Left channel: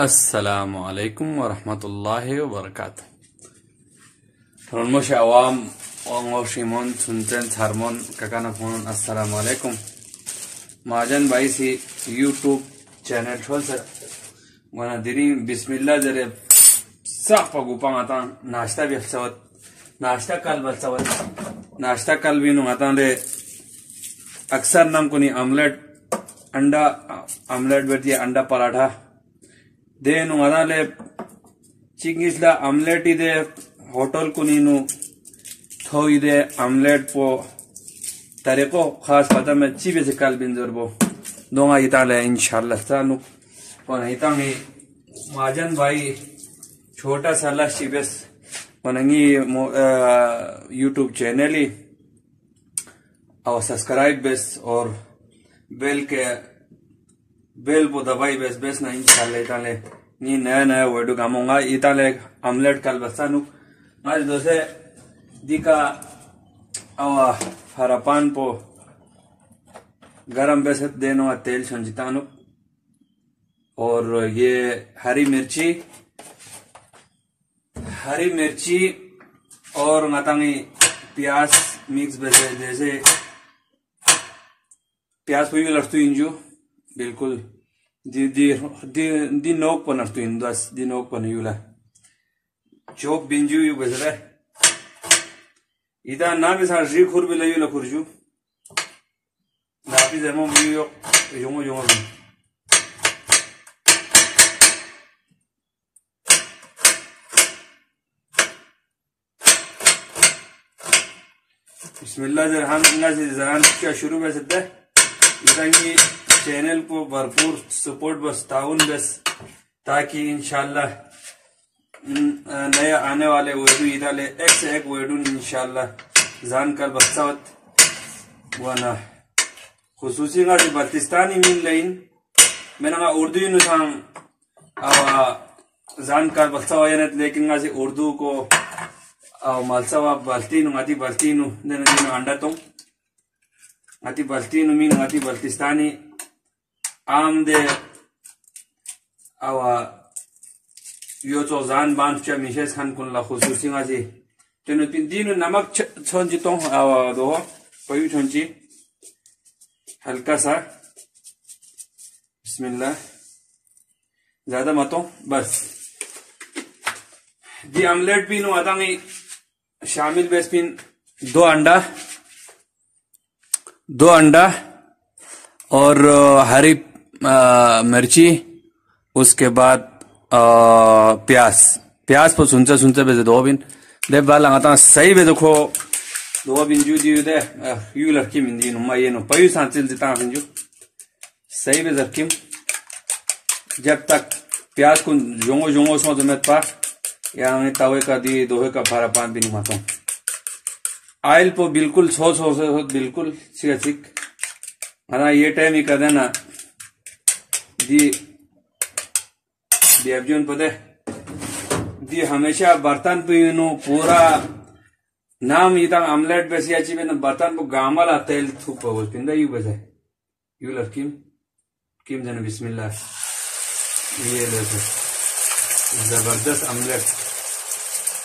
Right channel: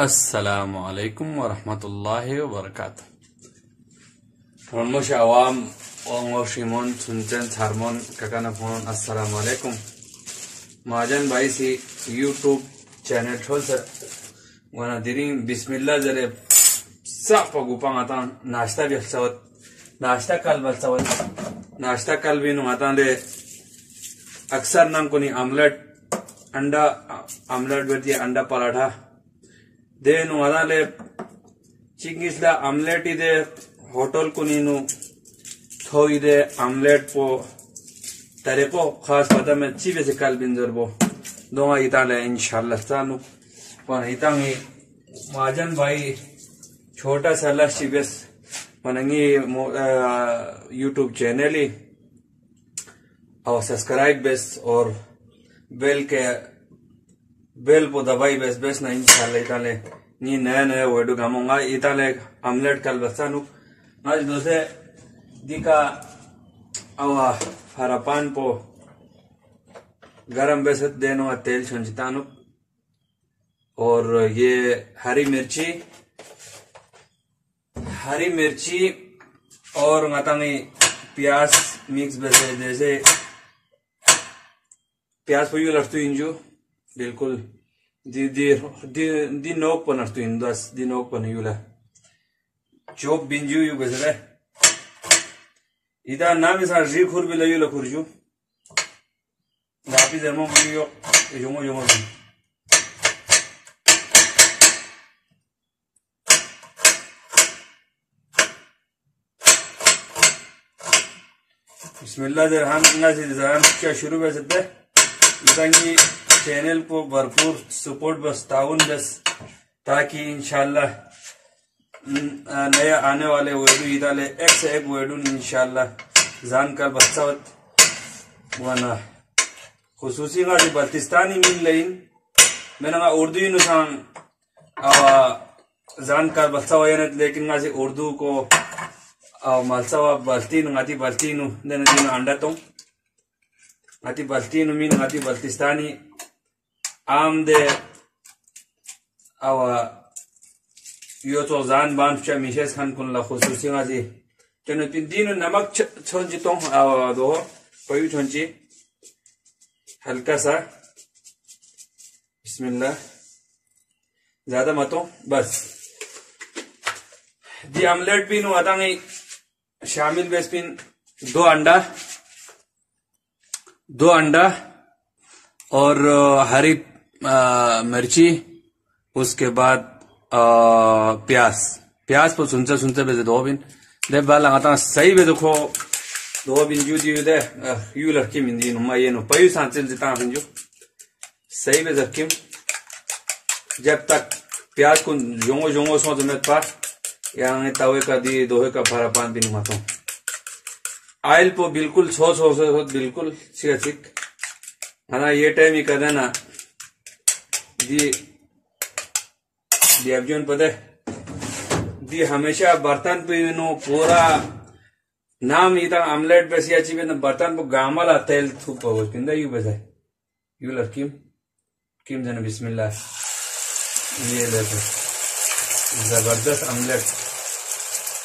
अस्सलामुअलैकुम वरहमतुल्लाहि वबरकातुह। Ronmoshe awam ongoshimon sunten harmon kakana phone assalamualaikum. Majan bhai si YouTube channel chol sir wana diri bismillah jare sa pagupang atan nashta befsawat nashta kal binu atan de aksar nam kuni omelette बेटी अंडा paratha देनु अदाले चिंगिसला omelette इदे hotel कुनीनु थो इदे omelette पो तरीको खास पता में चीबे से काल बिंजर बो दोंगा इताले इंशाल्लाह चालू वन इतांगी माजन भाई छोटा साला चिबेस वनंगी यूट्यूब चैनल ही और सब्सक्राइब बेस और बेल पो दबाई बेस ना इंशाल्लाह इताले नी नया वीडियो कामोंगा इताले आमलेट कल बसानु आज दोसे दिका आवा हरापान पो गरम बेसत देनो तेल संजितानु और ये हरी मिर्ची और मातांगी प्याज मिक्स बेसे जैसे प्याज पुई लड़तु इंजू बिल्कुल दी नोक पर नड़तु इंदस दी नोक पर यूला चोक बिंजू यू बेसे इधर ना भी सार जी खुर भी ले यूला खुरजू नापी जमो भी योमो बिस्मिल्लाह हम से जरान शुरू में सकते इतनी चैनल को भरपूर सपोर्ट बस ताउन बस ताकि इंशाल्लाह नए आने वाले वीडियो इदाले एक से एक वीडियो इंशाल्लाह जान कर बस्तावत वाना खुसूसी का बल्तिस्तानी मिल लेकिन मैंने कहा उर्दू नुसान जान कर बस्तावत लेकिन उर्दू को malsawa baltinu ngati baltinu dan dino anda tong ngati baltinu min ngati baltistani amde awa yoto zan ban cha mishes khan kun la khususi ngati teno dino namak chonji tong awa do payu chonji हल्का सा बिस्मिल्लाह ज्यादा मतो बस दी omelette भी no आतांगी शामिल बेसपिन दो अंडा और हरी मिर्ची उसके बाद प्याज को सुनते बेजे दो बिन दे बाल लगाता सही बे देखो दो बिन जू दी दे यू लड़की मिंदी नुमा ये नो पयू सांचल जिता बिन जू सही बे जरकिम जब तक प्याज को जोंगो सो जमेत पा यहाँ तवे का दी दोहे का भारा पान भी नुमाता हूँ आयल पो बिल्कुल सो बिल्कुल चिक मना ये टाइम ही कर देना दी अर्जुन पता दी हमेशा बर्तन पे नो पूरा नाम इधर आमलेट बेसी अच्छी में बर्तन को गामला तेल थूक पाओ पिंदा यू बेसा यू लड़किम किम देना बिस्मिल्लाह ये ले जबरदस्त आमलेट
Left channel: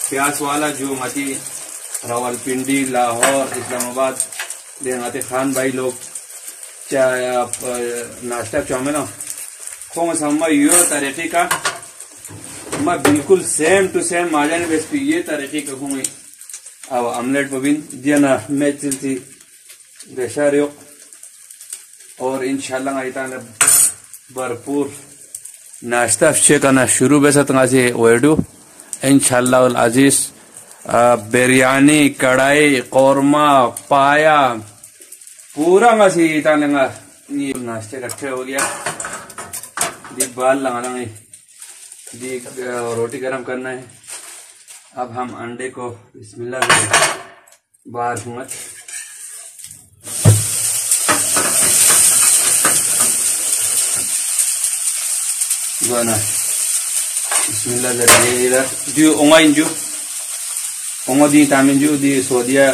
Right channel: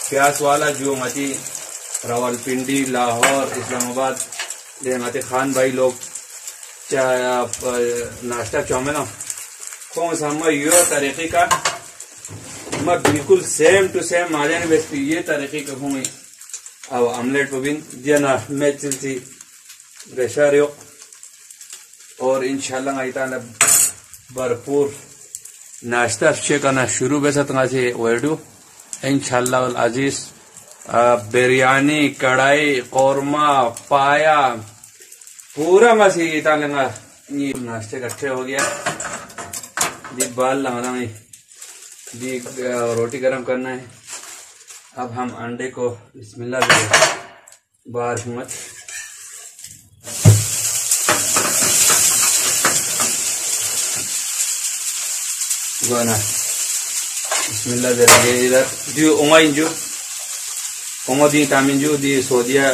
प्याज वाला जो मती रावलपिंडी लाहौर इस्लामाबाद देहाती खान भाई लोग नाश्ता चौमेना कौन सा यो तरीके का मैं बिल्कुल सेम टू सेम माजाने बेस ये तरीके का हूँ अब आमलेट बबिन दिया ना मैं चिंती रेशारियो और इंशाल्लाह आइता भरपूर नाश्ता करना शुरू बेसा तंगासी वेडू इंशाल्लाह अजीज बिरयानी कढ़ाई कौरमा पाया पूरा मासी इतालेंगा ये नाश्ते इकट्ठे हो गया दी बाल लगाना दी रोटी गरम करना है अब हम अंडे को बिस्मिल्लाह बाहर मत गना बिस्मिल्लाह जरा ये इधर दी ओंगा इंजू ओंगा दी तामिन जू दी सोदिया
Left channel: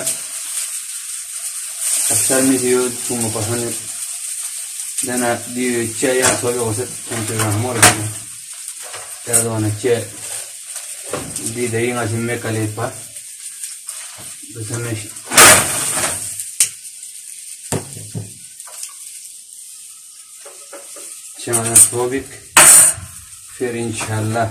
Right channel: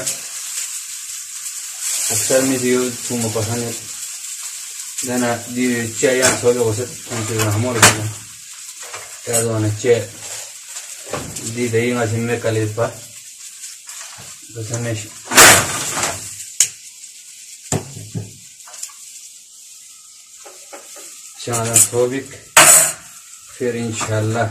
अक्सर में जो तुम पसंद देना दी चाय या सोया हो सकता है हमारे चे दी दही सिम्मे कलेप बस चाना सोबिक फिर इंशाल्लाह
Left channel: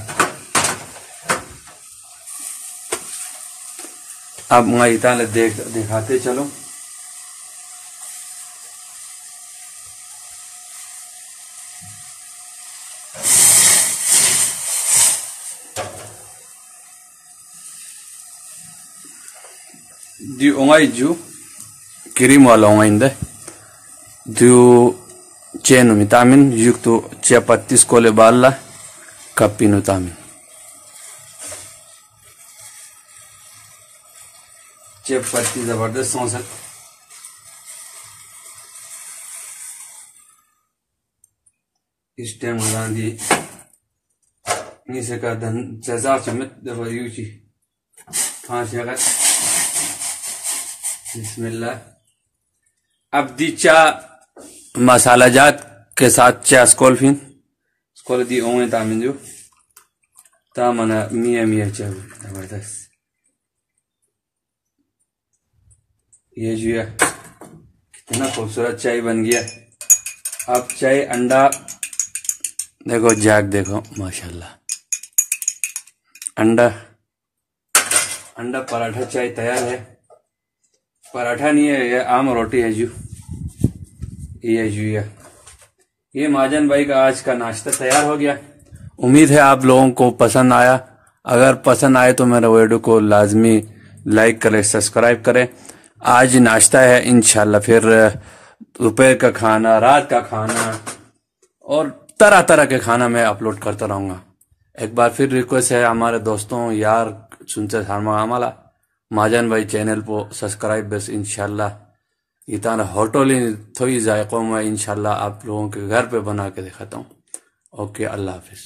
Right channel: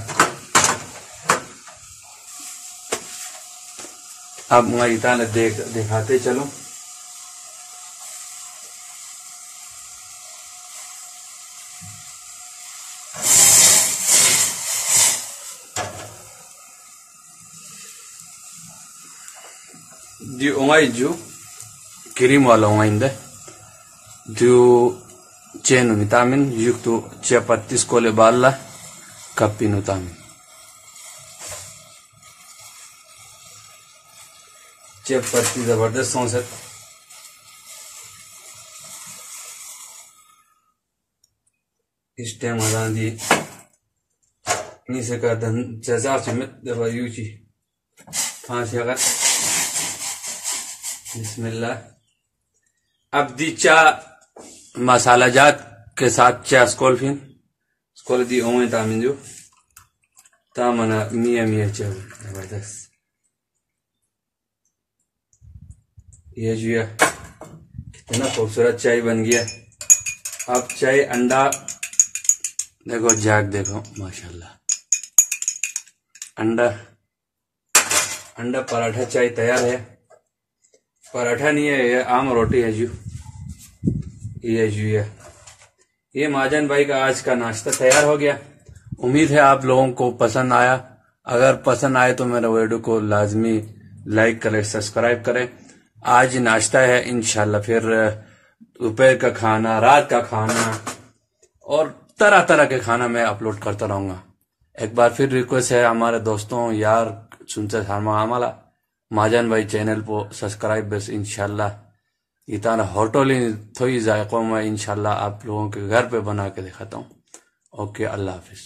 अब इतना दिखाते चलो। di ongai ju kirim wala ongai nda du chenu vitamin yuktu chiapatis kole balla kapinu tamin चियापत्ती जबरदस्त सौंसत इस टाइम दी नीचे का धन जजार चमत दबा यूची फांसी अगर बिस्मिल्लाह। अब दी चा मसाला जात के साथ चा स्कोल दी ओमे तामिन जो तामना मिया मिया चा जबरदस्त ये जुआ कितना खूबसूरत चाय बन गया। अब चाय अंडा देखो जाग देखो माशाल्लाह अंडा अंडा पराठा चाय तैयार है। पराठा नहीं है ये आम रोटी है ये जुआ। ये महाजन भाई का आज का नाश्ता तैयार हो गया। उम्मीद है आप लोगों को पसंद आया। अगर पसंद आए तो मेरा वीडियो को लाजमी लाइक करें सब्सक्राइब करें। आज नाश्ता है इंशाल्लाह फिर दोपहर का खाना रात का खाना और तरह तरह के खाना मैं अपलोड करता रहूंगा। एक बार फिर रिक्वेस्ट है हमारे दोस्तों यार सुनते आम्हाला महाजन भाई चैनल को सब्सक्राइब बस इंशाल्लाह इतना होटल थोड़ी जायकों में इंशाल्लाह आप लोगों के घर पे बना के दिखाता हूँ। ओके अल्लाह हाफिज।